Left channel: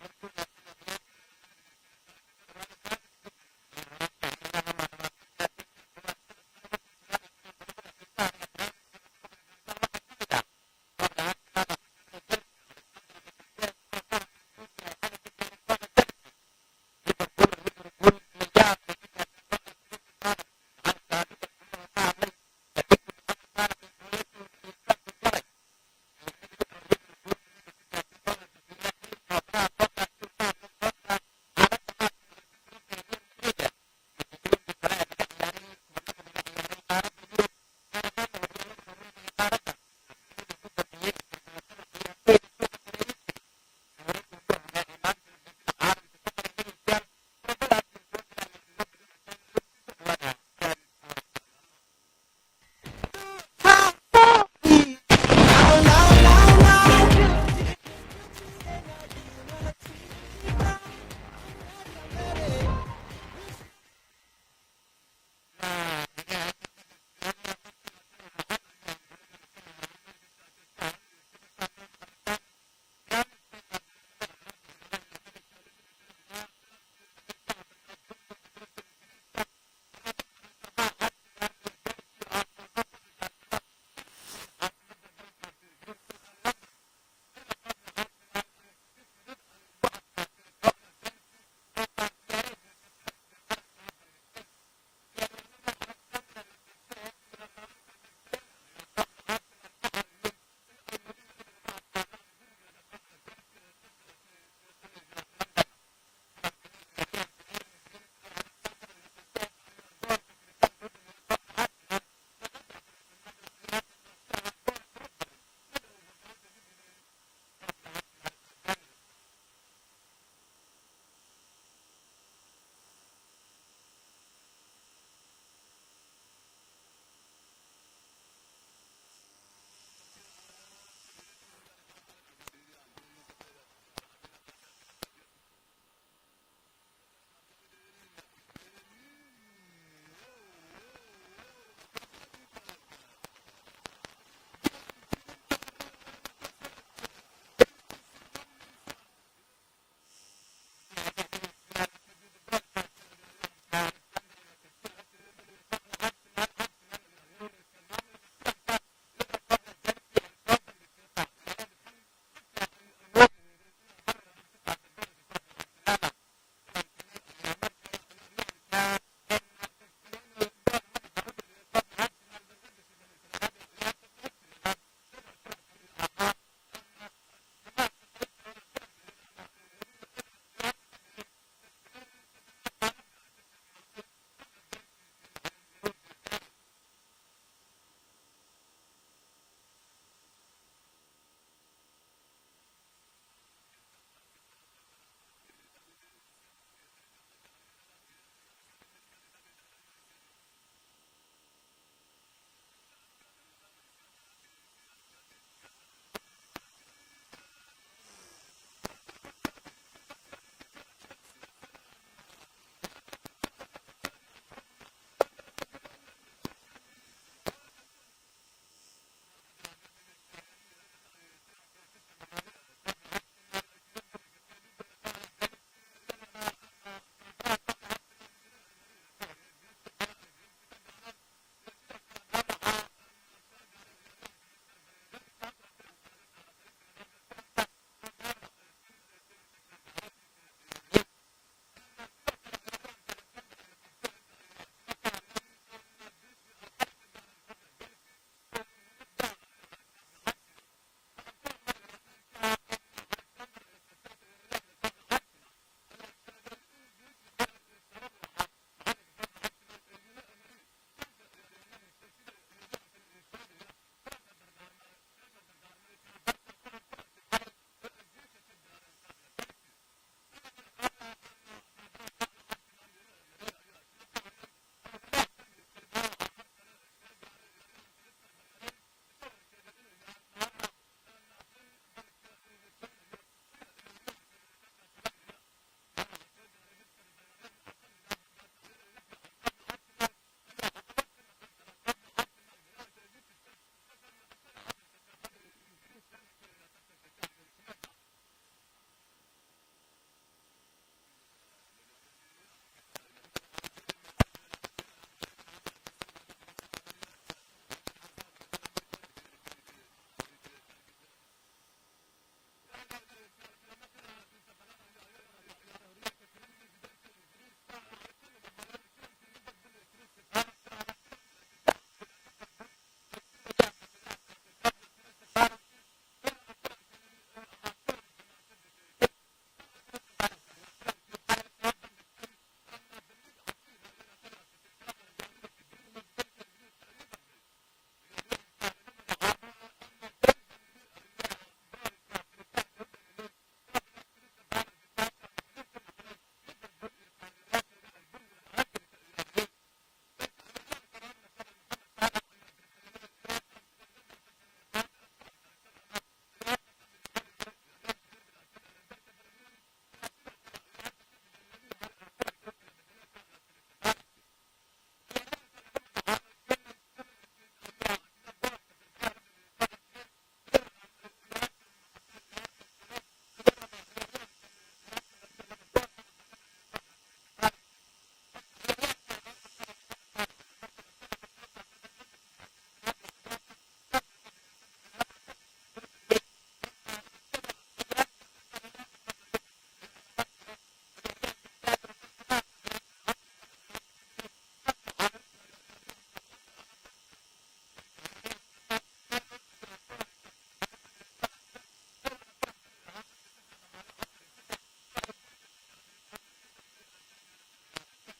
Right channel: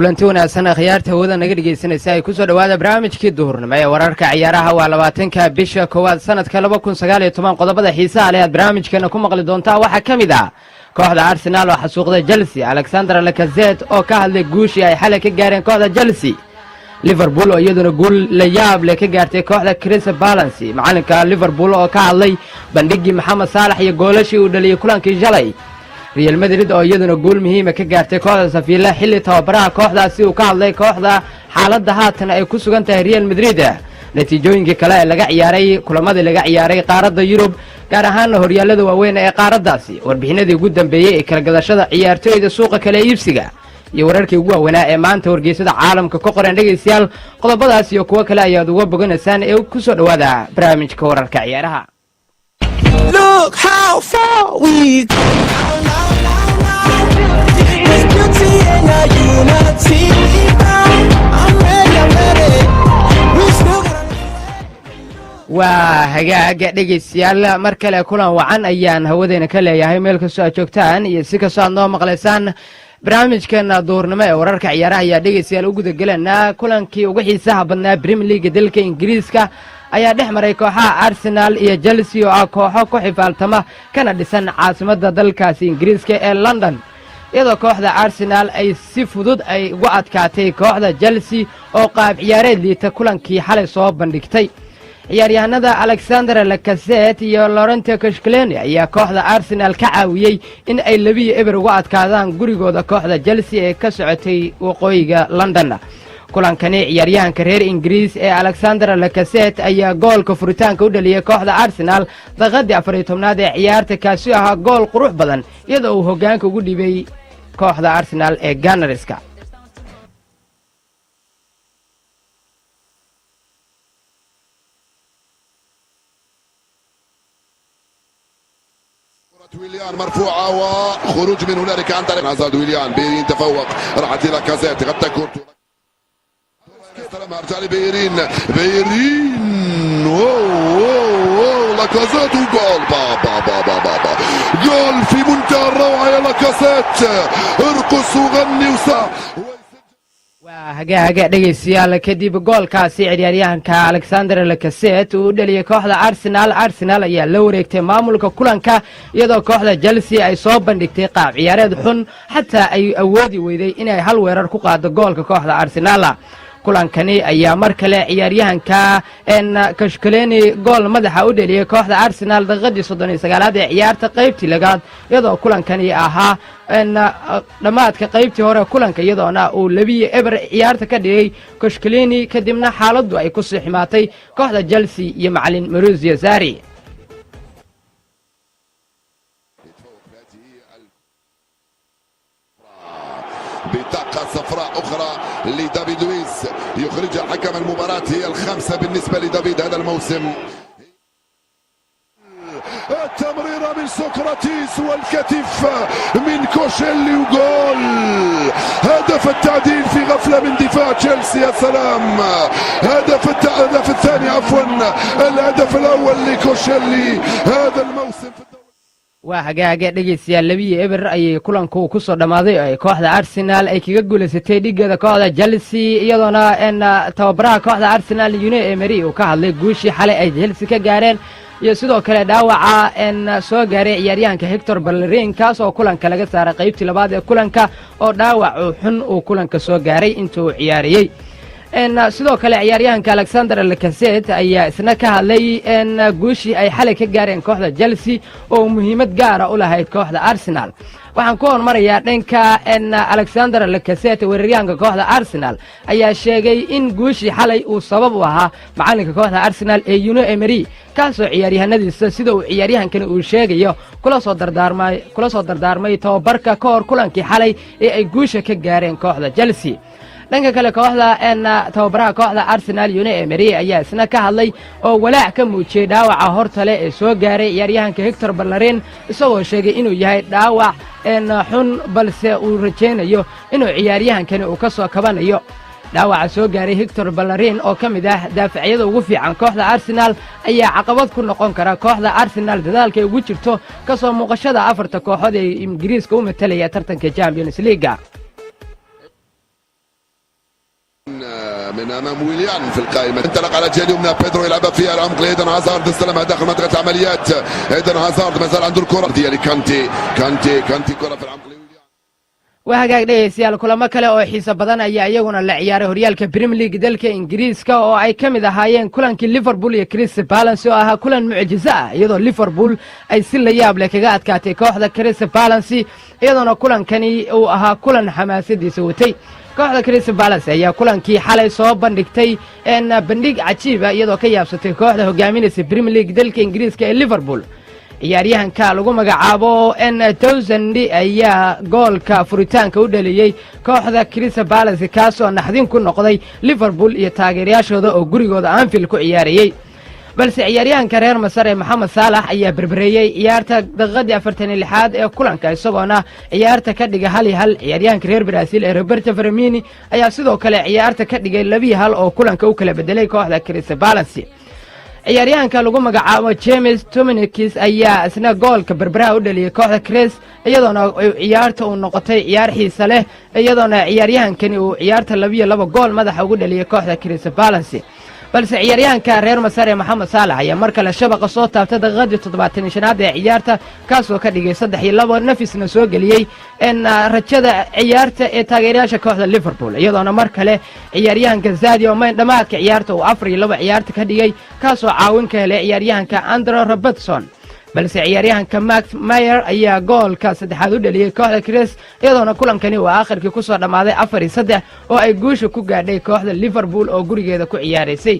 kulanti wanaagsan akhyaarta hawada naga dhageysanaysa ay ku soo dhawaada barnaamijkii duhurnimo ee wararka ciyaaraha waa 20ka bisha koowaad sanadka 2019 qodobada xiisaha leh aad barnaamijkeena ku maqli doontaa waxaa ka mid ah kooxda Arsenal oo xasuuqday Chelsea, Alexander Lacazette oo ka hadlay guushii ay xalay ka gaareen kooxda Chelsea, Liverpool oo iyaduna guul la yaab leh ka gaartay kooxda Crystal Palace, macalinka Liverpool oo ka hadlay bandhigii Mohamed Salah iyo goolashii uu dhaliyay kulankii shalay, Real Madrid oo iyaduna guul muhiim ah ka gaartay kooxda Sevilla xilli tababaraha kooxdaasi uu ka hadlay kooxda xaaladda haatan ay ku sugan tahay Real Madrid. natiijooyinkii kale ee laga ciyaaray kulamadii laga ciyaaray qaaradda Yurub gaar ahaan horyaalada waaweyn ee qaaraddaasi, warbixinadii ugu dambeeyay ee kala gadashada ciyaartooyda suuqa kale iibsiga iyo wararkii ugu waaweynaa ee maanta wargeysada caalamka ka qoran dhageystayaal. qodobadaas iyo kuwa kale ayaad uga boganaysaan ee ku soo dhawaada barnaamijka wararka ciyaaraha. Look how far we go. It's beauty and our unity. I'm ready. We still waa hagaaga dhegeystayaal mar kale kulan wacan ayaan hawadeena ka leeyahay meel kastoo aad joogtaan iyo si kastoo aad noo maqlaysaan. barnaamijkeena duurnimo ee wararka ciyaaraha ayaa dhegeystayaal u guda gelanaa kulankii ugu xiisaha badnaa Premier League dalka Ingiriiska ayaa dhex maray kooxaha Arsenal iyo Chelsea oo ah kooxo ku xifaaltama kana dhisan caasimadda dalkaasi Ingiriiska ee London, iyadoo kooxda Arsenal ay si fudud ay ugu adkaatay kooxda Chelsea oo qaab ciyaareed liita kulankii xalay soo bandhigtay. ciyaaryahanada Alexander Lacazette iyo Laurent Koscielny ayaa kooxda Arsenal ka caawiyay in ay 2-0 uga adkaadaan gurigooda kooxda Chelsea ee ka socotay waqooyiga London. kulankani ciyaaryahanka reer Ingiriis ee Alexander Lacazette ayaa goolka furitaanka u dhaliyay kooxda Arsenal daqiiqadii 14aad ee ciyaarta, kaasi ahaa gool qurux badan iyadoo uu hoggaanka ugu dhibay kooxda Arsenal ee Gunners-ka. ويليان مرفوعة وخروج من هنالك عن طريق عزاد ويليان. بيرين تفوق، راحت إلى كازيت، قد تكون استلمها رجع لبيرين. لاكازيت وجول بابا جول في منتهى الروعة يا لاكازيت، ارقص وغني وسع. hagaaga dhegeystayaal kadib goolkaasi ciyaaryahanka Alexander Lacazette uu dhaliyay kooxda Arsenal ayaa la wareegtay maamulka kulanka iyadoo kooxda Chelsea ay soo bandhigtay qaab ciyaareed xun xataa ay awoodi weyday inay hal weerar ku qaado goolka kooxda Arsenal. kulankani ayaa mar kale ciyaaryahanka Koscielny gool madaxa u dhaliyay kooxda Arsenal daqiiqadii 39aad ee ciyaarta qaybtii lagaad, iyadoo kulankani ahaa dhamaadka qaybtii hore kulanka iyadoona uu 2-0 ciyaarta ka dhigay Koscielny kadibna xaaladdu ay ku sii ximaatay kooxda Chelsea iyo macallin Maurizio Sarri. بطاقة صفراء أخرى لدافيد لويس يخرجها حكم المباراة، هي الخامسة بالنسبة لدافيد هذا الموسم. التمريرة من سقراطيس والكتف من كوشيلي وجول. هدف التعديل في غفلة من دفاع تشيلسي. يا سلام، الهدف الثاني عفوا، الهدف الأول لكوشيلي هذا الموسم. waa hagaaga dhegeystayaal 2-0 ayay kulanku ku soo dhamaaday oo kooxda Arsenal ay kaga guuleysatay dhigada kooxda Chelsea, iyadoona tababaraha kooxda Arsenal Unai Emery uu ka hadlay guushii xalay ay Chelsea ka gaareen iyo sidoo kale dhaawaca soo gaaray ciyaaryahanka Hector Bellerin kaas oo kulanka laga saaray qaybtii labaad ee kulanka oo dhaawac xun uu kulanka soo gaaray intuu ciyaariyay. sidoo kale ciyaaryahanka Alexander Lacazette ayaa isna ka hadlay guushii ay xalay ka gaareen kooxda Chelsea oo muhiimad gaar ah u lahayd kooxda Arsenal. waxaan ku hormarayaa dhanka Alexander Lacazette, weeraryahanka kooxda Arsenal ayaa sheegay in guushii xalay uu sabab u ahaa macalinka kooxda Arsenal ee Unai Emery, kaasoo ciyaaryahanadiisa sida uu ciyaaryahankani uu sheegayo kula soo dardaarmay tababarka ka hor kulankii xalay ee ay guusha ka gaareen kooxda Chelsea. dhanka kale kooxda tababaraha kooxda Arsenal Unai Emery ayaa isna ka hadlay oo walaac ka muujiyay dhaawaca hortale ee soo gaaray ciyaaryahanka Hector Bellerin, isagoo sheegay inuu yahay dhaawac xun balse uu rajeynayo inuu ciyaaryahankani uu ka soo kabanayo. dhaawaca soo gaaray Hector Bellerin oo ka mid ah daafacyada ugu fiican kooxda Arsenal ayaa caqabad ku noqon kara kooxda Arsenal dadaalka ay ugu jirto ka soo muuqashada afarta kooxood ee Ingiriiska u matalaya tartanka Champions League. من امام ويليان في القائمه، انطلق على الجهه اليمنى بيدرو يلعبها في العمق لايدن هازارد، استلمها داخل منطقه العمليات. ايدن هازارد ما زال عنده الكره ديالي كانتي كره في العمق. wahagaag dhegaystayaal kulamo kale oo xiiso badan ayaa iyaguna la ciyaaray horyaalka Premier League dalka Ingiriiska oo ay ka mid ahaayeen kulankii Liverpool iyo Crystal Palace oo ahaa kulan mucjiso ah iyadoo Liverpool ay si la yaab leh kaga adkaatay kooxda Crystal Palace iyadoo kulankani uu ahaa kulan xamaasadiisa watay. kooxda Crystal Palace ayaa kulankii xalay soo bandhigtay bandhig cajiib ah iyadoo ka yaabsatay kooxda hogaaminaysa Premier League dalka Ingiriiska ee Liverpool. ciyaaryahanka lagu magacaabo Townsend ayaa goolka furitaanka u dhaliyay kooxda Crystal Palace kaasoo naxdin ku noqday Liverpool iyo taageerayaashooda oo gurigooda Anfield ku ciyaarayay. balse ciyaaryahanka reer Masar ee Mohamed Salah ayaa berbereeyay ciyaarta daqiiqadii 46aad ee kulanka isagoona ciyaarta ka dhigay 1-1. ciyaaryahanka reer Brazil ee Roberto Firmino ayaa sidoo kale ciyaarta ka dhigay 2-1 oo kulanka u kala bedelay kooxda Crystal Palace. ciyaaryahanka lagu magacaabo James Tominikis ayaa isna goolka berberaha u dhaliyay kooxda Crest iyadoona ciyaarta uu noqotay ciyaar xiiso leh iyadoona ciyaaryahankani uu ciyaarta 2 gool madaxa ugu dhaliyay kooxda Crystal Palace. balse ciyaaryahanka reer Masar ee Mohamed Salah ayaa mar kale shabaqa soo taabtay daqiiqadii 75aad ee ciyaarta kaasoo ka dhigay 3-2 nafisna soo geliyay rajada ciyaarta ee taageerayaasha kooxda Liverpool iyadoona mar kale ciyaaryahanka Sadio Mane dhamaadka ciyaarta uu 4-2 ciyaarta ka dhigay kaasoo caawin ka helay ciyaaryahanka Andre Robertson. balse ciyaaryahanka Max Meyer ayaa goolka saddexaad u dhaliyay kooxda Crest iyadoona kulankani uu aakhirkii ku soo dhamaaday 4-3 oo ay guusha ku gaadhay kooxda Liverpool oo gurigeeda ku ciyaaraysay.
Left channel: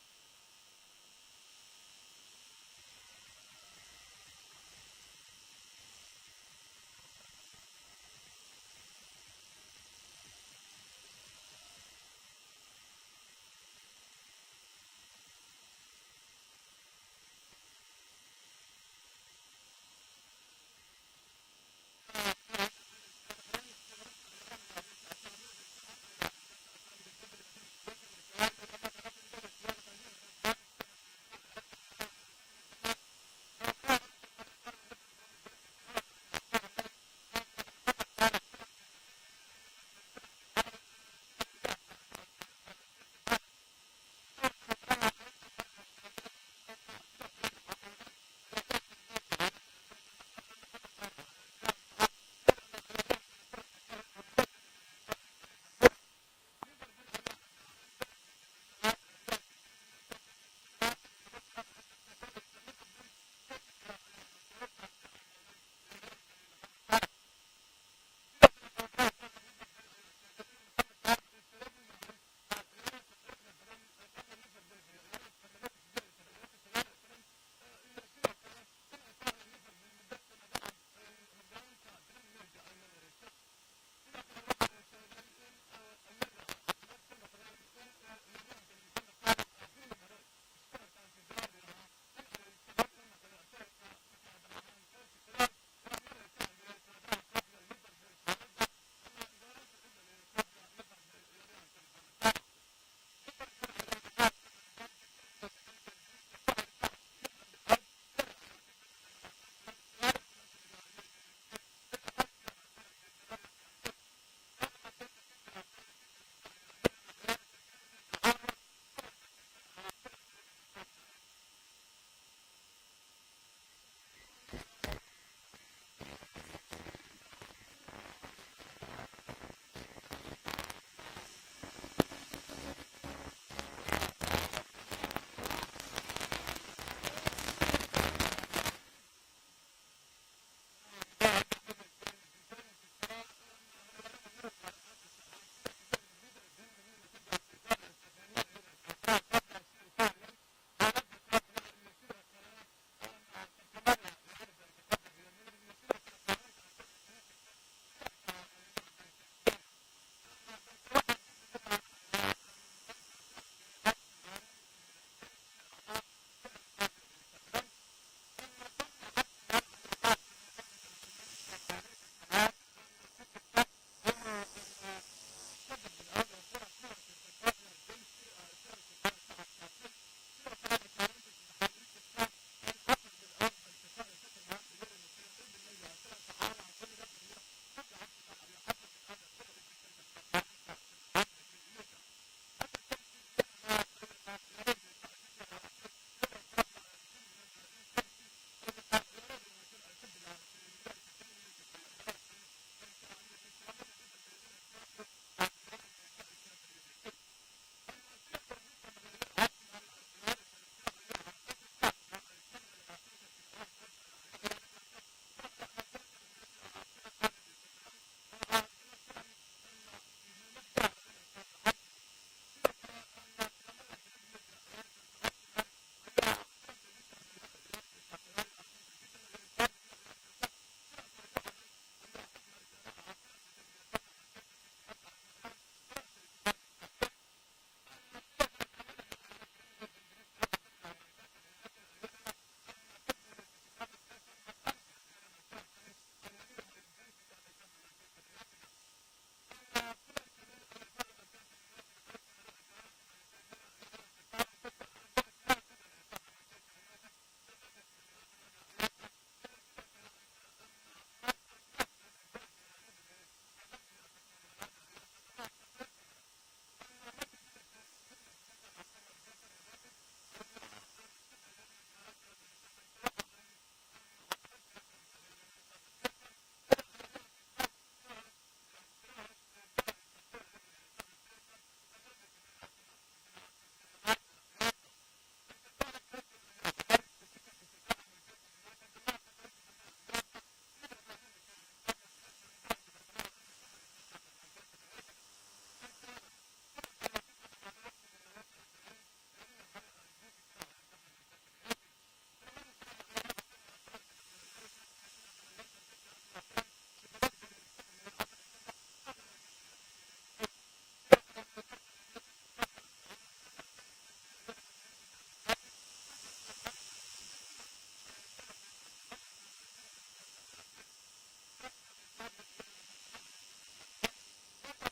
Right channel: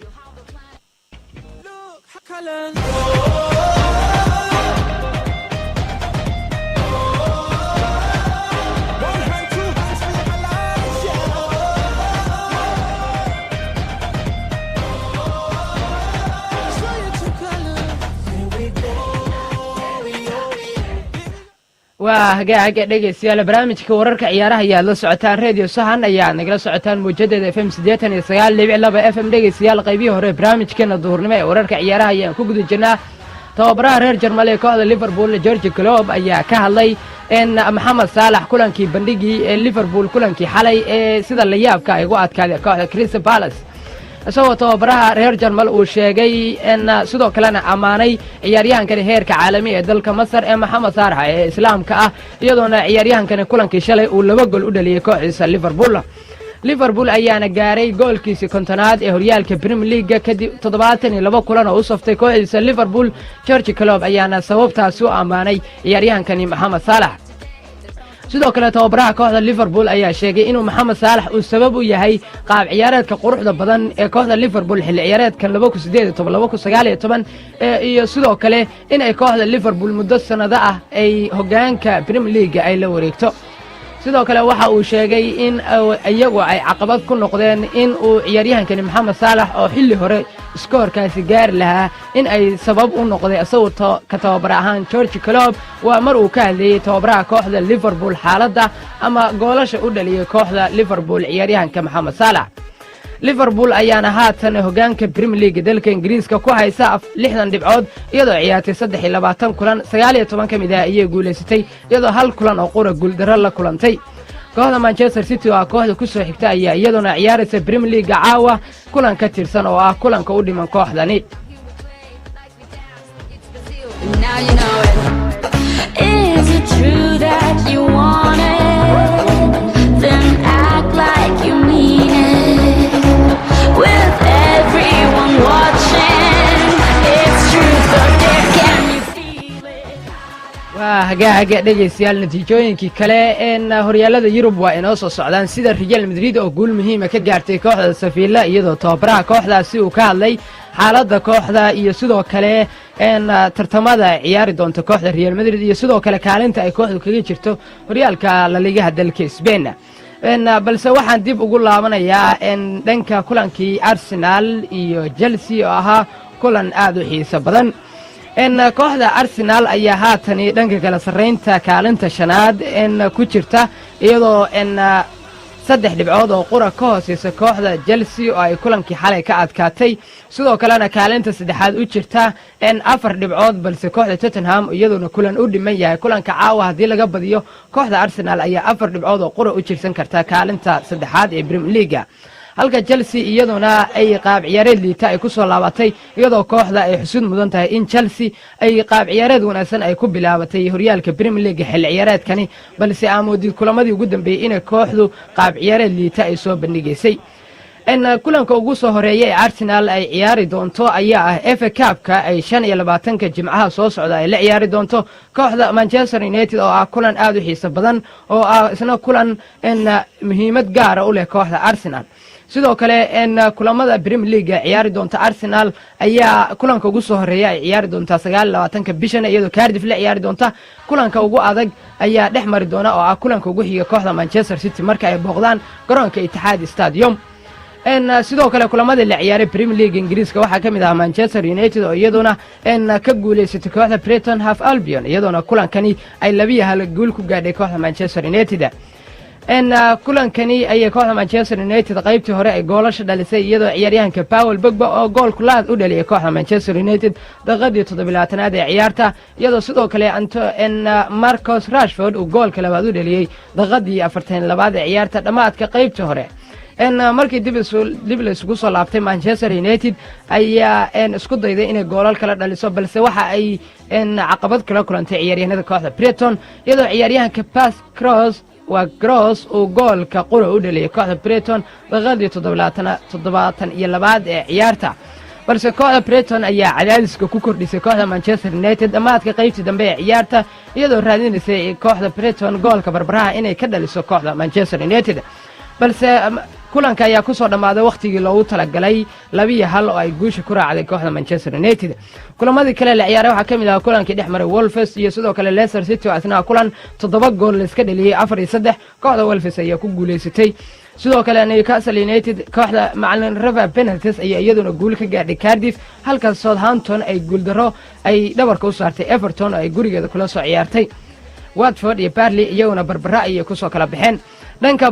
وهاجا dhegeystayaal barnaamijka wararka ciyaaraha ayaa la socotaan radio sahan ayaa nagala socotaan muujadada FM 89.2 FM dhegeystayaal qaybihii hore barnaamijkeena duhurnimo ee wararka ciyaaraha ayaan ku guda jirnaa. tababaraha reer Jarmaley kooxda Liverpool Jurgen Klopp ayaa ka hadlay Mohamed Salah kulankii bandhigii ee Liverpool kulankii xalay ee sida la yaabka ay ugu adkaaday kooxda Crystal Palace. isagoo tababaraha reer Jarmal uu sheegay sidoo kalena amaanay ciyaaryahankani heerka caalami ee dalka Masar ee Mohamed Salah ee islaamka ah iyadoona ciyaaryahankani kulankii shalay uu 2 gool u dhaliyay kooxdiisa Liverpool ayaana gaaray goolkiisa kontonaad ee horyaalka Premier League kadib 72 kulan oo u saftay kooxdiisa Liverpool. Jurgen Klopp ayaana sababtaas u amaanay ciyaaryahankani Mohamed Salah. sidoo kale tababaraha kooxda Liverpool ayaa sheegay inuu Mohamed Salah uu sabab u yahay qaab ciyaareedka quruxda badan ee kooxda Liverpool xilli ciyaareedkan 2018-2019 iyo sidoo kale in ay kooxda Liverpool muddo sanado ah ay hogaanka Premier League ay la wareegto. sidoo kale waxa uu sheegay in iyagu ay caqabad ku noqdeen in uu ciyaaryahankani Mohamed Salah oo xilli hore iskoorkaasi gaar lahaa in ay sabab u noqday asawirta ka tababar ahaan Jurgen Klopp waa mar uu ka hadlayay tababaraha kooxda Liverpool xaaladda ama goolasha u dhaliyay kooxda Liverpool ciyaaryahanka Mohamed Salah. Liverpool ayaana haatan hogaanka Premier League dalka Ingiriiska ku haysa 60 dhibcood iyadoo ciyaartay 23 kulan 19 kamid ah ayay guuleysatay iyadoo hal kulan oo qura guuldaro la kulantay. kooxda Manchester City oo kooxda ku soo xigta ayaa iyaduna ciyaaraysa Premier League caawa kulan ka tirsan oo ah kulanka u dhiman kooxdani. Now you know it. Is it true that you want it? Then act like you mean it. With everyone watching, it's truth or dare, can you feel it? hagaaga dhegeystayaal natiijooyinkii kale horyaalada Yurub waa inoo soo socdaan sida Real Madrid oo guul muhiim ah ka gaartay kooxda Sevilla iyadoo tababaraha kooxdaasi uu ka hadlay xaaladda kooxda iyo sidoo kale tartamada ciyaari doonta kooxda Real Madrid iyo sidoo kale kaalinta ay kooxdu kaga jirto horyaalka La Liga dalka Spain. balse waxaan dib ugu laabanayaa dhanka kulankii Arsenal iyo Chelsea oo ahaa kulan aad u xiiso badan. kooxda Arsenal ayaa haatan dhanka kala sareynta kaalinta shanaad ku jirta iyadoo 3 dhibcood oo qura ka hooseysa kooxda Chelsea oo ay kulankii xalay ka adkaatay sidoo kalena kaalinta saddexaad u jirta 4 dhibcood balse kooxda Tottenham iyaduna kulan u dhiman yahay kulanka caawa hadii laga badiyo kooxda Arsenal ayaa 4 dhibcood oo qura u jirsan karta kaalinta saddexaad ee Premier League. halka Chelsea iyaduna ay qaab ciyaareed liita ay ku soo laabatay iyadoo kooxda ay xusud mudan tahay in Chelsea ay qaab ciyaareed wanaagsan ay ku bilaabatay horyaalka Premier League xil ciyaareedkani balse amoodid kulamadii ugu dambeeyay in kooxdu qaab ciyaareed liita ay soo bandhigaysay kulanka ugu soo horeeyay Arsenal ay ciyaari doonto ayaa ah FA Cup-ka ay 25 jimcaha soo socda ay la ciyaari doonto kooxda Manchester United oo ah kulan aad u xiiso badan oo ah isna kulan muhiimad gaar ah u leh kooxda Arsenal sidoo kale kulamada Premier League ay ciyaari doonto Arsenal ayaa kulanka ugu soo horeeyay ay ciyaari doonta 29 bishan iyadoo Cardiff la ciyaari doonta kulanka ugu adag ayaa dhex mari doona oo ah kulanka ugu xiga kooxda Manchester City marka ay booqdaan garoonka Etihad Stadium sidoo kale kulamada la ciyaaray Premier League Ingiriiska waxaa kamid ah Manchester United oo iyaduna ka guuleysatay kooxda Brighton Hove Albion iyaduna kulankani ay 2-1 guul ku gaadhay kooxda Manchester United kulankani ay kooxda Manchester United qaybtii hore ay goolasho dhalisay iyadoo ciyaaryahanka Paul Pogba oo gool kulaad u dhaliyay kooxda Manchester United daqiiqadii 7-aad ee ciyaarta iyadoo sidoo kale Marcus Rashford uu goolka labaad u dhaliyay daqiiqadii 42-aad ee ciyaarta dhamaadka qaybtii hore markii dib la isugu soo laabtay Manchester United ayaa isku dayday inay goolal kala dhaliso balse waxa ay caqabad kala kulantay ciyaaryahanada kooxda Brighton iyadoo ciyaaryahanka Gross uu goolka qura u dhaliyay kooxda Brighton daqiiqadii 72-aad ee ciyaarta balse kooxda Brighton ayaa cadaadiska ku kordhisay kooxda Manchester United dhamaadka qaybtii dambe ee ciyaarta iyadoo raadinaysay kooxda Brighton goolka barbaraha inay ka dhaliso kooxda Manchester United balse kulanka ayaa ku soo dhamaaday waqtigii loogu talagalay 2-1 oo ay guusha ku raacday kooxda Manchester United kulamadii kale la ciyaaray waxa kamid ah kulankii dhexmaray Wolves iyo sidoo kale Leicester City oo asna kulan 7 gool la iska dhaliyay 4-3 kooxda Wolves ayaa ku guuleysatay sidoo kale Newcastle United kooxda macallin Rafa Benitez ayaa iyaduna guul ka gaadhay Cardiff halka Southampton ay guul daro ay dhabarka u saartay Everton oo ay gurigeeda kula soo ciyaartay Watford iyo Burnley iyaguna barbara ay ku soo kala baxeen dhanka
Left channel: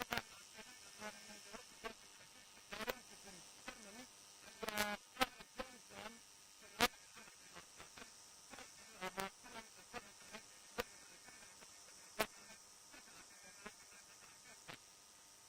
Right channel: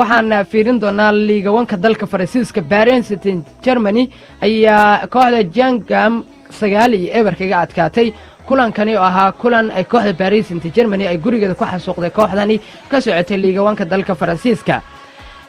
waxaan fiirin doonaa liiga wanka dalka Faransiiska Paris Saint-Germain ayaa kooxda Jangam 9-0 kaga adkaatay kulankani oo ahaa kulan ay kooxda Paris Saint-Germain ay gurigeeda ku xasuuqday kooxdani ka socotay liiga wanka dalka Faransiiska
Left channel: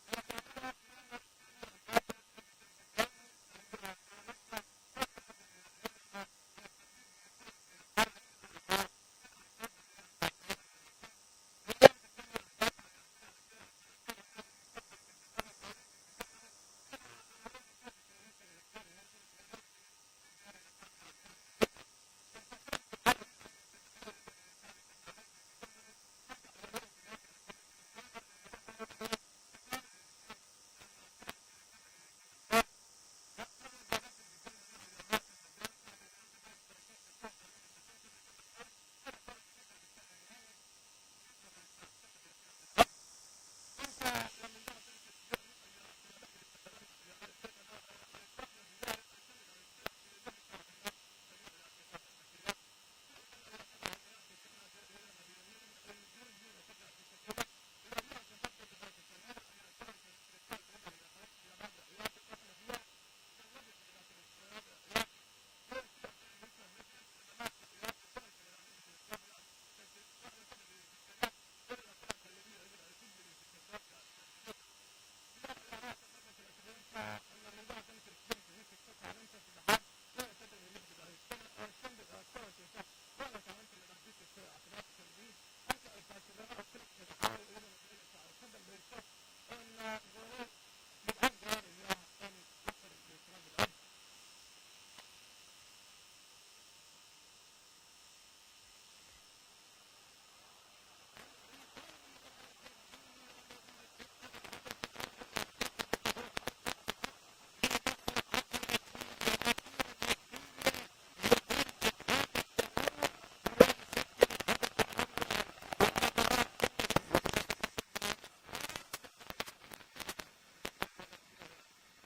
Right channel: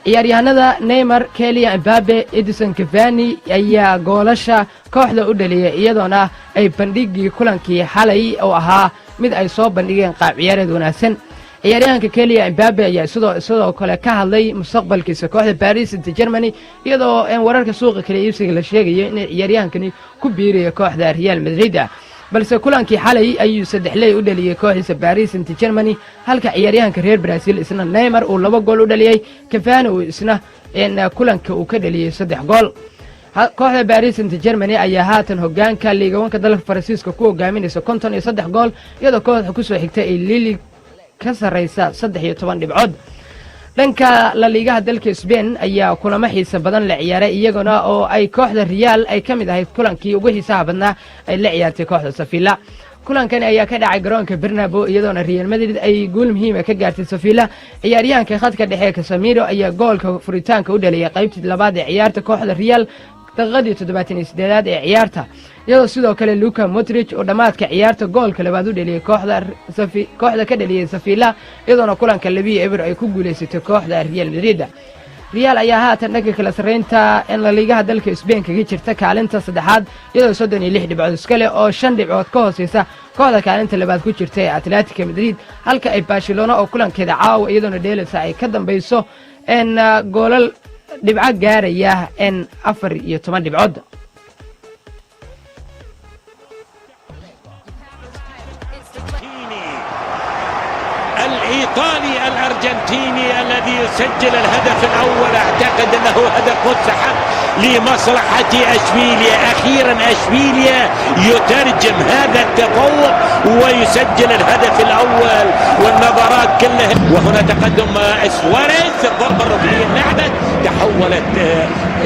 ciyaaryahanada Neymar, Kylian Mbappe, Edinson Cavani ayaa goolasha kooxda u dhaliyay iyadoona ay bandhigii kulankii xalay oo ahaa mid ay soo bandhigeen qaab ciyaareed wanaagsan ciyaaryahanka Kylian Mbappe ayaa sidoo kale ka hadlay mustaqbalkiisa kooxda Paris Saint-Germain iyadoo wararka suuqa kale iibsiga la sheegay in ciyaaryahankani ku biiriyo kooxda Real Madrid balse kulankii xalay ayuu 3 u dhaliyay kooxdiisa Paris Saint-Germain halka ciyaaryahanka reer Brazil isna Neymar uu 2 gool u dhaliyay Cavani uu isna kulanka uu ka dhaliyay 3 gool kooxda Paris Saint-Germain ayaa haatan hogaanka liiga wanka dalka Faransiiska ku hogaaminaysa 53 gool iyadoo kooxda ku soo xigtay ay Lille ka sareysa 13 dhibcood dhanka la liigaha dalka Spain ayaa kulamo xiiso badan la ciyaaray iyaguna oo ay kooxda Real ay kamid ahayd kulankii ugu xiisaha badnaa ay la ciyaartay kooxda Sevilla kulankan ayaa ka dhacay garoonka Bernabeu iyadoona Real Madrid ay guul muhiim ah ka gaartay Sevilla ciyaaryahanka khadka dhexe Casemiro ayaa goolka furitaanka u dhaliyay qaybtii labaad ee ciyaarta kooxda Real daqiiqadii 78-aad ee ciyaarta iyadoo sidoo kale Luka Modric oo dhamaadka ciyaarta goolka labaad u dhaliyay kooxda ka dhaliyay Sevilla iyadoona kulanka 2-0 ay ku guuleysatay kooxda Real Madrid Real ayaa haatan dhanka kala sareynta in la liigaha dalka Spain kaga jirta kaalinta 3aad iyadoo 36 dhibcood iska leh oo 5 dhibcood ka hooseysa kooxda kaalinta labaad ku jirta ee Atletico Madrid halka ay Barcelona oo kulankeeda caawa iyadoona dheelaysa ay ka dambayso goolal dhibco gaaraya 14 dhibcood الإيطالي الأرجنتيني الذي يسجل الهدف الأول أعتقد أنه هدف مستحق لمصلحة أشبيليا أخيرا أشبيليا يترجم هذا التفوق ويسجل الهدف الأول والنظرات كلها وهنا تقدم سواريز الضربة الركنية اللعبة تحولت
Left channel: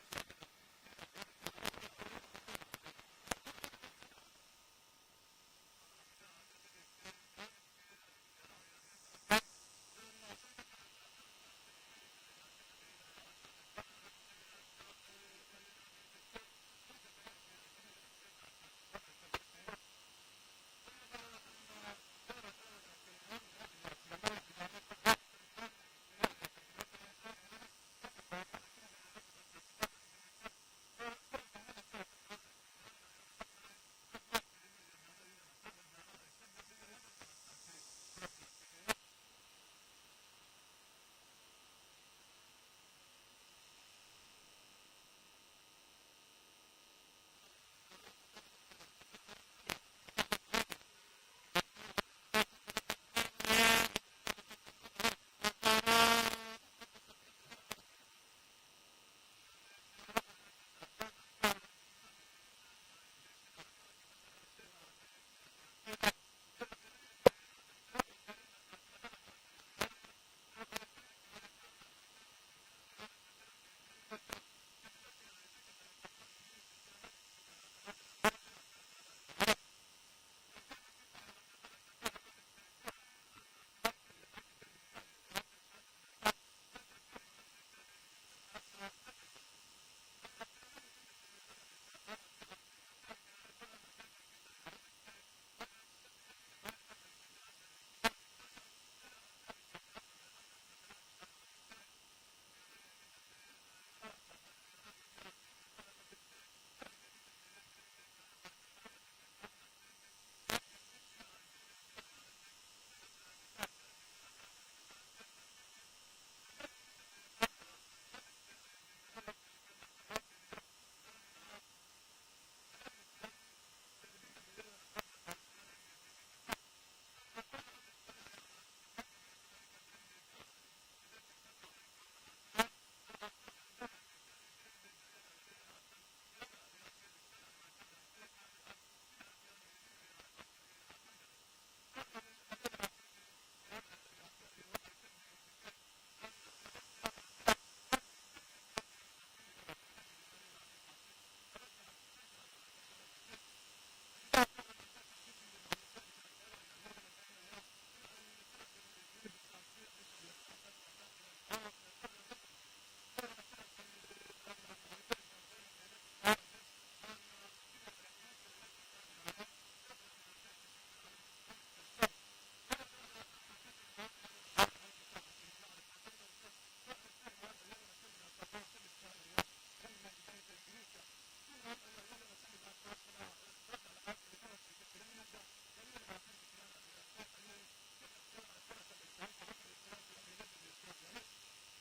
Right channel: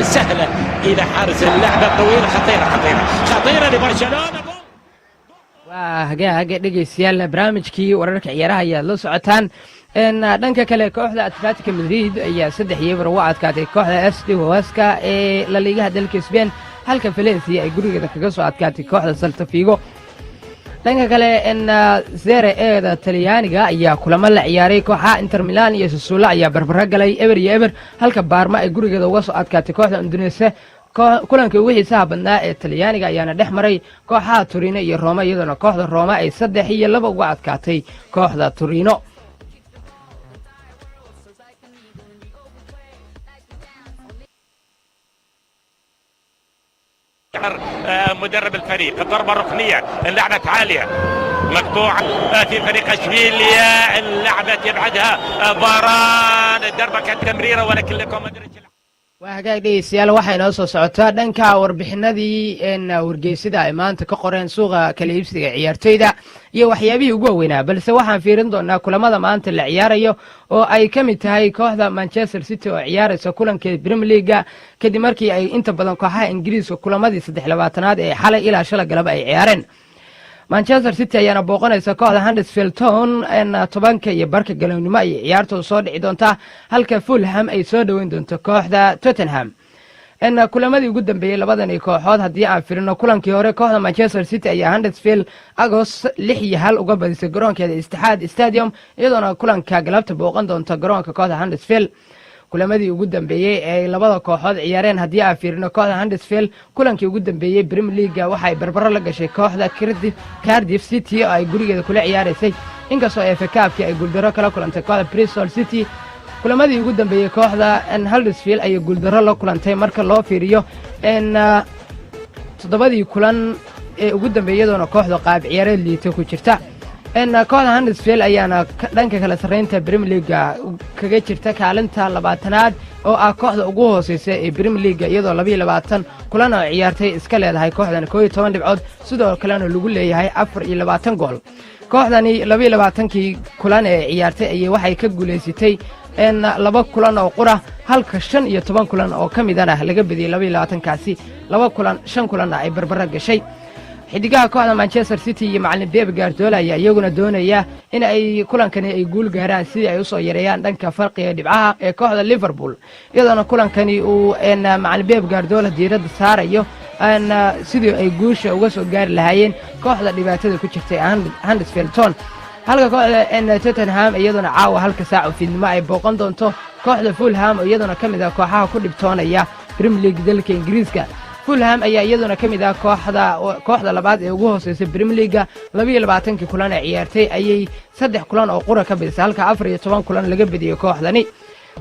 سهلة إلى حارس اللعبة الطويلة خطيرة لبرشلونة hagaag dhegeystayaal barnaamijkii wararka ciyaaraha ayaa la socotaan dhanka kale kooxda Atletico Madrid ayaa 3-0 u adkaatay kooxda SD Huesca ee la liigaha dalka Spain halka Valencia ay gurigeeda kaga soo adkaatay kooxda Celta Vigo dhanka kale Serie A-da Talyaaniga ayaa kulamo la ciyaaray kooxaha Inter Milan iyo Sassuolo ayaa barbaro galay eber iyo eber halka Parma ay gurigeeda uga soo adkaatay kooxda Udinese kulankii ugu xiisaha badnaa ee Talyaaniga ayaana dhex maray kooxaha Torino iyo Roma iyadoo kooxda Roma ay 3-2 uga adkaatay kooxda Torino. مدرب الفريق الضربة الركنية اللعبة عالية مقطوعة في فريق اشبيليا اللعبة يبعدها فاران الضربة كانت تمريرة ولكن لكم وهاجاك dhegeystayaal waxay noo soo socotaa dhanka warbixinadii wargeysida ay maanta ka qoreen suuqa kala iibsiga ciyaartoyda iyo waxyaabihii ugu weynaa balse waxaan fiirin doonaa kulamada maanta la ciyaarayo oo ay ka mid tahay kooxda Manchester City oo ciyaaraysa kulankeeda Premier League kadib markii ay inta badan kooxaha Ingiriiska kulamadii 23aad ee xalay ilaa shalay galab ay ciyaareen. Manchester City ayaana booqanaysa kooxda Huddersfield Town 10 iyo barka galabnimo ay ciyaartu soo dhici doonta halka Fulham ay soo dhaweyn doonto kooxda Tottenham. kulamadii ugu dambeeyay labadan kooxood haddii aan firino kulankii hore kooxda Manchester City ayaa Huddersfield August 6-1 uga badisay garoonkeeda Etihad Stadium iyadoona kulanka galabta booqan doonta garoonka kooxda Huddersfield. kulamadii ugu dambeeyay ee labada kooxood ciyaareen haddii aan fiirino kooxda Huddersfield kulankii ugu dambeeyay Premier League waxay barbaro la gashay kooxda Cardiff City oo ay gurigeeda kula ciyaaraysay inkastoo FA Cup ay guuldaro kala kulantay kooxda Bristol City. kulamadii ugu dambeeyay kooxda Huddersfield ay guuldaro la kulantay marka loo fiiriyo toddobadii kulan ee ugu dambeeyadoona kooxda qaab ciyaareed liita ku jirta. kooxda Huddersfield ayaana dhanka kala sareynta Premier League kaga jirta kaalinta 20aad oo ah kooxda ugu hooseysa ee Premier League iyadoo 22 kulan oo ciyaartay iska leedahay kooxdan 12 dhibcood sidoo kalena lagu leeyahay 24 gool. kooxdani 22kii kulan ee ciyaartay ayay waxay ka guuleysatay 2 kulan oo qura halka 15 kulan oo kamidana laga badiyay 22kaasi 2 kulan 5 kulan ay barbaro gashay. xidigaha kooxda Manchester City iyo macallin Pep Guardiola ayaa iyaguna doonaya in ay kulankani ay guul gaaraan sidii ay u soo yareeyaan dhanka farqiga dhibcaha ee kooxda Liverpool iyadoo kulankani uu macallin Pep Guardiola diiradda saarayo sidii ay guusha uga soo gaari lahaayeen kooxda dhibaatada ku jirtay Huddersfield Town halka kooxda Tottenham iyaduna caawa halka saac fiidnimo ay booqan doonto kooxda Fulham iyaduna kamid ah kooxaha ku dhibtoonaya Premier League dalka Ingiriiska. Fulham ayaa iyaduna kamid ah kooxda labaad ee ugu hooseysa Premier League 22 kulan ee ciyaartay ayay 3 kulan oo qura ka badisay halka 14 kulan laga badiyay kooxdani.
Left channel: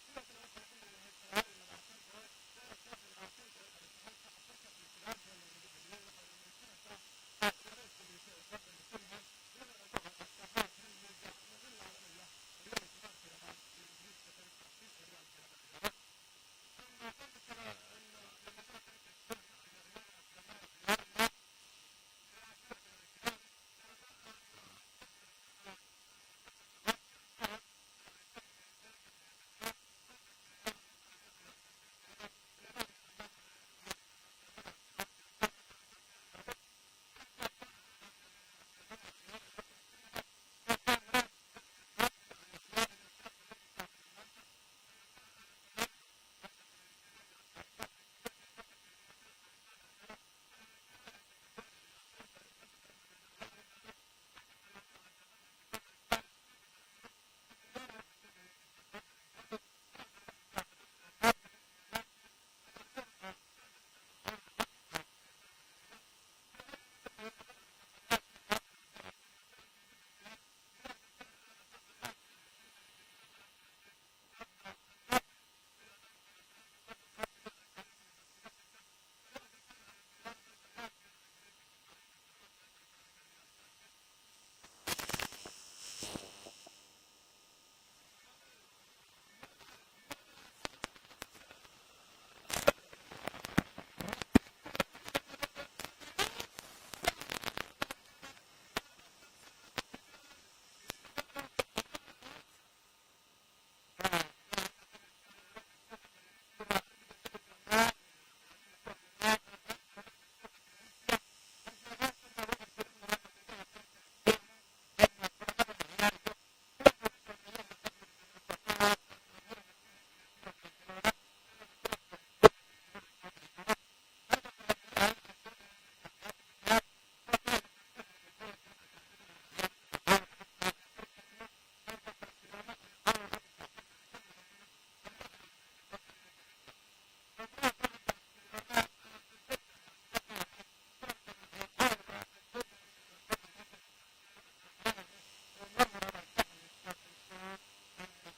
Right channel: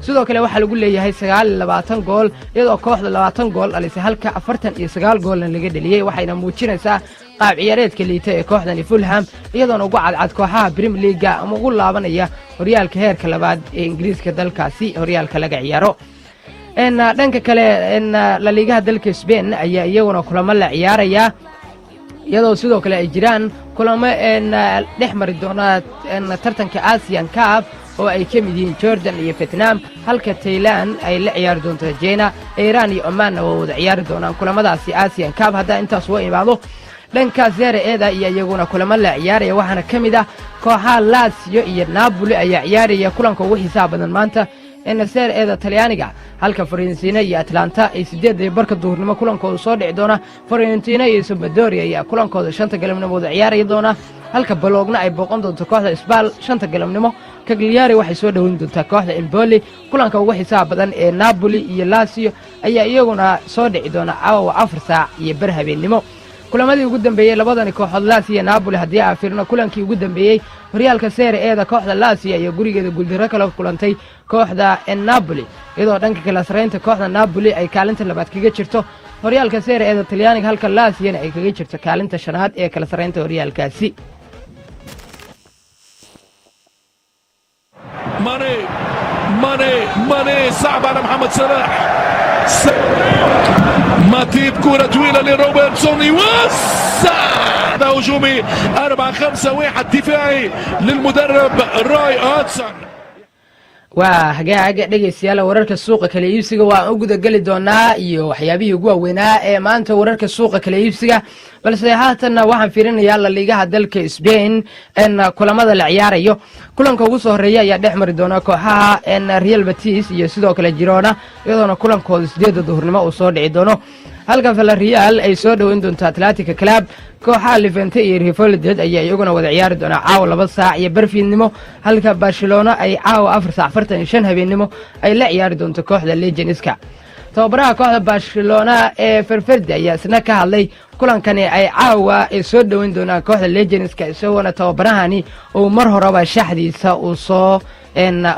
sidoo kale waxa lagu leeyahay 29 gool iyadoo kooxda 20 gool dhalisay halka 49 goolna laga dhaliyay waxayna muujinaysaa qaab ciyaareedka liita ee kooxdani Fulham iyadoona ugu cadcad kooxaha Premier League ama ugu laabanaya horyaalka heerka labaad ee Ingiriiska dalkaasi horyaalka laga ciyaaro. dhanka kale La Liga dalka Spain ayaa iyaguna kulamo la ciyaaraya iyadoo sidoo kale ay jiraan kulamo dhex mari doona tartanka Asian Cup oo ay ka mid yihiin Jordan iyo Vietnam halka Thailand ay la ciyaari doonto China Iran iyo Oman oo wada ciyaari doonaan kulamadaasi Asian Cup hadda intaas waa imaado. dhanka Serie A iyo iyaguna kulamo la ciyaaraya waxaana kamid ah kooxaha Lazio iyo Napoli ayaa ciyaaraya kulanka ugu xiisaha badan maanta Serie A Talyaaniga halka Fiorentina iyo Atlanta ay 8 duhurnimo kulankooda soo dhici doona. Fiorentina iyo Sampdoria ayaa kulankooda 5 galabnimo wada ciyaari doona halka Bologna ay booqan doonto kooxda Spal 5 galabnimo. Cagliari waxay soo dhaweyn doontaa kooxda Empoli kulanka ugu xiisaha badan ee Napoli iyo Lazio ayaa iyaguna soo dhici doona 4 saac iyo bar habeenimo. kulamadii ugu dambeeyay labadani kooxood Lazio iyo Napoli haddii aan fiirino kulankii ugu dambeeyay horyaalka Serie A kooxda Lazio iyo gurigeeda guuldaro kala kulantay kooxda Napoli iyadoo dhanka kala sareynta kooxda Napoli ay kaalinta labaad kaga jirto horyaalka Serie A Talyaaniga halka Lazio ay kaga jirto kaalinta shanaad ee kala sareynta horyaalkaasi. ماني صعب على محمد صلاح ماتيب كرة طويلة لروبرتسون يوسع هجومي 4-5-1 دفاعي للمدرب راي هاتسون. waa hagaag dhageystayaal wararka suuqa kala iibsiga waa u guda gali doonaa iyo waxyaabihii ugu waaweynaa ee maanta wararka suuqa kala iibsiga balse haatan waxaan fiirinayaa La Liga dalka Spain kulamada la ciyaarayo kulanka ugu soo horeeya ayaa dhex mari doona kooxaha Real Betis iyo sidoo kale Girona iyadoona kulankooda 8 duhurnimo uu soo dhici doono halka Villarreal ay soo dhaweyn doonto Atletico Club. kooxaha Levante iyo Real Valladolid ayaa iyaguna wada ciyaari doona caawa 2 saac iyo barfiidnimo, halka Barcelona ay caawa 4 saac 45 habeenimo ay la ciyaari doonto kooxda Leganeska. tababaraha kooxda Barcelona ee Valverde ayaa isna ka hadlay kulankani ay caawa ay soo dhaweyn doonaan kooxda Leganeska, isagoo tababarahani uu mar horeba shaxdiisa uu soo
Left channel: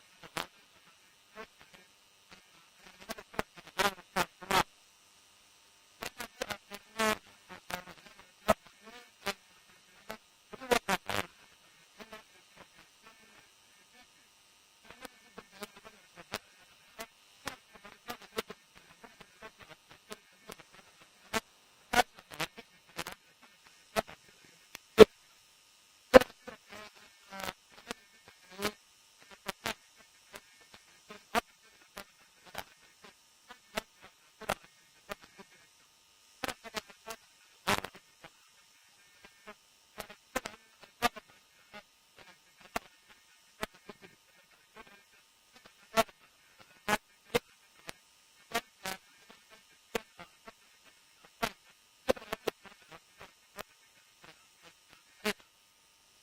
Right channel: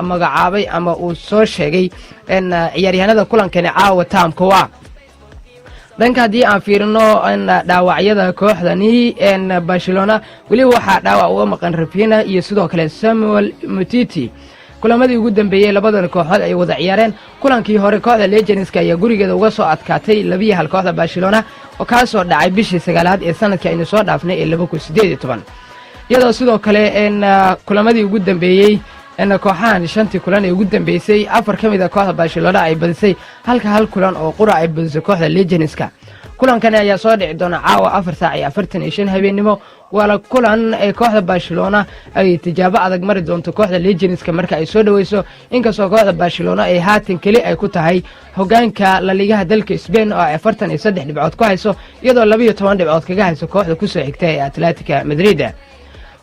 magacaabay ama uu soo sheegay ciyaaryahanada kulankani caawa taamka waa dhanka haddii aan fiirino dhaawacyada kooxdani Barcelona weli waxaa dhaawac uga maqan Rafinha iyo sidoo kale Samuel Umtiti. kulamadii ugu dambeeyay labadan kooxood ay wada ciyaareen. kulankii hore kooxda Leganeska ayaa gurigeeda uga soo adkaatay 2-1 kooxda Barcelona oo ka soo dhacay bishii 9aad ee sanadkii aynu soo dhaafnay ee 2018, iyadoo sidoo kale kulamadii ugu dambeeyay kooxahan shantii kulan ee ugu dambeysay 4 ka mid ah kooxda Barcelona ay badisay, halka hal kulan oo qura ay badisay kooxda Leganeska. kulankani ayaa soo dhici doona caawa 4 saac iyo 45 habeenimo, wala kulan ee kooxda Barcelona ay tijaabo adag mari doonto kooxda Leganeska marka ay soo dhaweyso, inkastoo kooxda Barcelona ay haatan kali ay ku tahay hogaanka La Liga dalka Spain oo 43 dhibcood ku hayso, iyadoo 12 dhibcood kaga hayso kooxda ku soo xigta ee Atletico Madrid.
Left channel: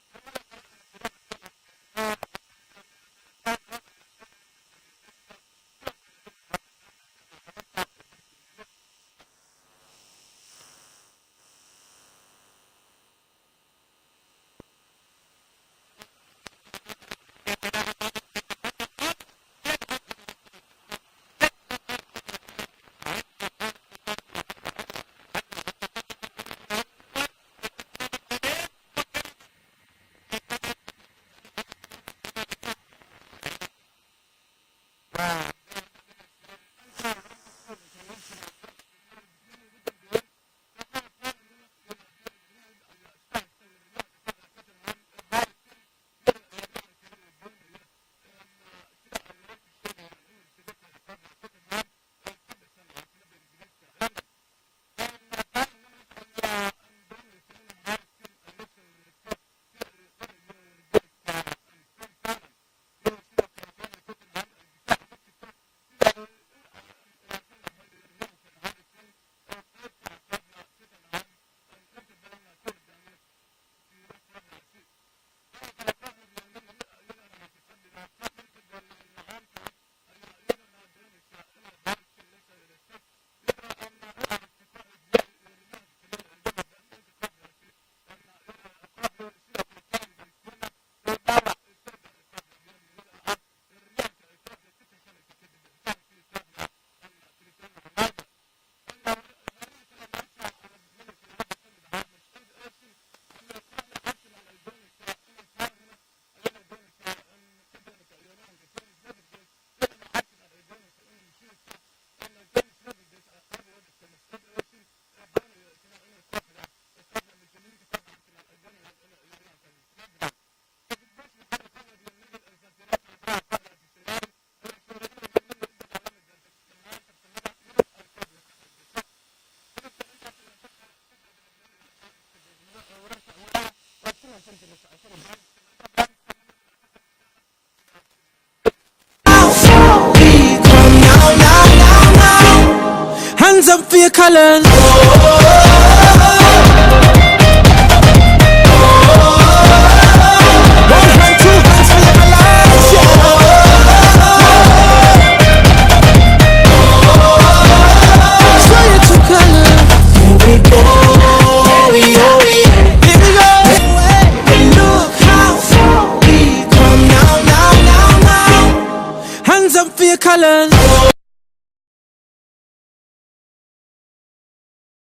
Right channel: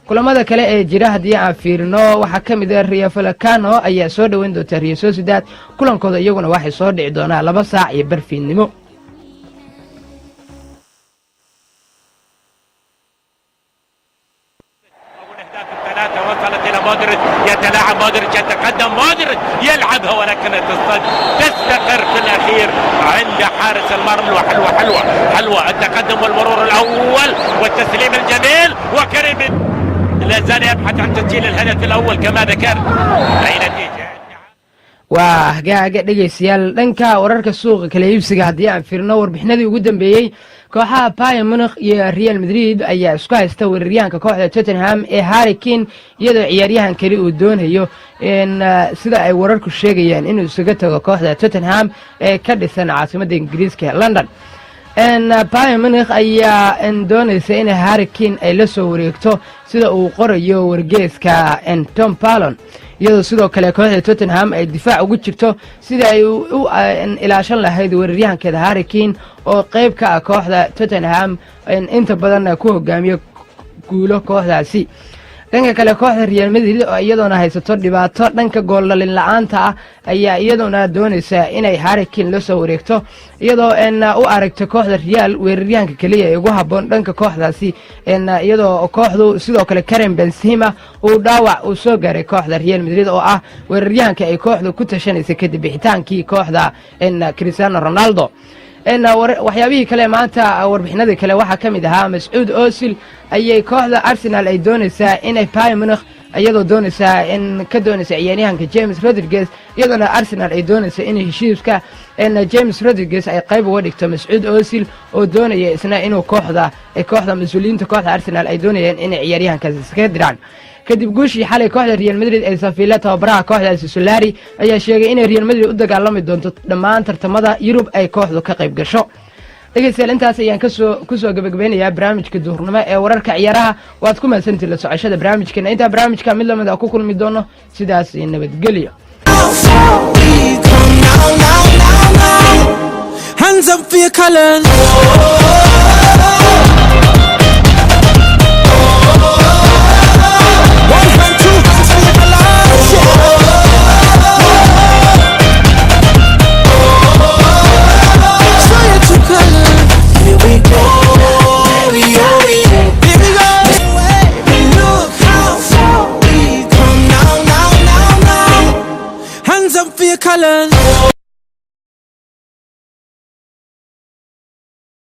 kulamada kale ee jira haddii aan fiirino waxaa ka mid ah Rayo Vallecano ayaa soo dhaweyn doonta Real Sociedad. kulankooda iyaguna waxay soo dhici doonaa 2 saac iyo barfiidnimo. وصلت الى مودريتش، يتلاعب مودريتش، يتقدم مودريتش، يلعبها ولكن تستقر في الاخير عند حارس المرمى. حلوه حلوه حلوه التقدم والمرور الاول والتسليم الجميل، وكريم لا زال يبحث عن تسجيل الهدف الاول كما ذكر. اي نتيجه waa hagaaga dhageystayaal dhanka wararka suuqa kala iibsiga haddii aan fiirno warbixinadii ugu dambeeyay kooxaha Bayern Munich iyo Real Madrid ayaa isku haysta weeraryahanka kooxda Tottenham ee Harry Kane, iyadoo ciyaaryahan kale uu doonayo sida ay wararku sheegayaan inuu isaga tago kooxda Tottenham ee ka dhisan caasimadda Ingiriiska London. Bayern Munich ayaa doonaysa in Harry Kane ay la soo wareegto sida uu qorayo wargeyska Tom Pallon, iyadoo sidoo kale kooxda Tottenham ay difaac ugu jirto sida ay u ilaashan lahayd weeraryahankeeda Harry Kane oo qayb ka ah kooxda Tottenham inta badan ku hogaamiyo guulo kooxdaasi. dhanka kale kooxda Real Madrid oo iyadoona haysato dhibaato dhanka gool dhalin la'aanta ah ayaa iyadoona doonaysa inay Harry Kane la soo wareegto, iyadoo u aragto kooxda Real weeraryahanka kaliya ee ugu habboon dhanka kooxdaasi, iyadoo kooxdu sidoo kale Karim Benzema uu dhaawac uu soo gaaray kooxda Real Madrid oo ah weeraryahanka ay kooxdu ku tashanaysa kadib bixitaankii kooxda Cristiano Ronaldo. waxyaabihii kale maanta warbixinadii kale waxaa ka mid ahaa Mesut Ozil ayay kooxda Arsenal ay doonaysaa inay Bayern Munich iyadoo doonaysaa ka doonaysa ciyaaryahanka James Rodriguez, iyadoona Arsenal ay doonaysa in heshiiska James Rodriguez ay qayb uga dhigto Mesut Ozil oo doonaya isna inuu kooxda mas'uuliyiinta kooxda Arsenal ay doonayaan inay ciyaaryahankaasi iska diraan. kadib guushii xalay kooxda Real Madrid ay Sevilla tababaraha kooxdaasi Solari ayaa sheegay in Real Madrid u dagaalami doonto dhammaan tartamada Yurub ay kooxdu ka qayb gasho. dhageystayaal intaas ayaan ku soo gabagabeynayaa barnaamijka duhurnimo ee wararka ciyaaraha. waad ku mahadsantihiin la socoshada barnaamijkeena. intaa barnaamijka mid lamid ah ku kulmi doono, sidaas nabadgelyo. Hands up for your colors. One hand, two hands for your colors. Show your true colors. Here we go. Here we go. But look how far we come now. Hands up for your colors.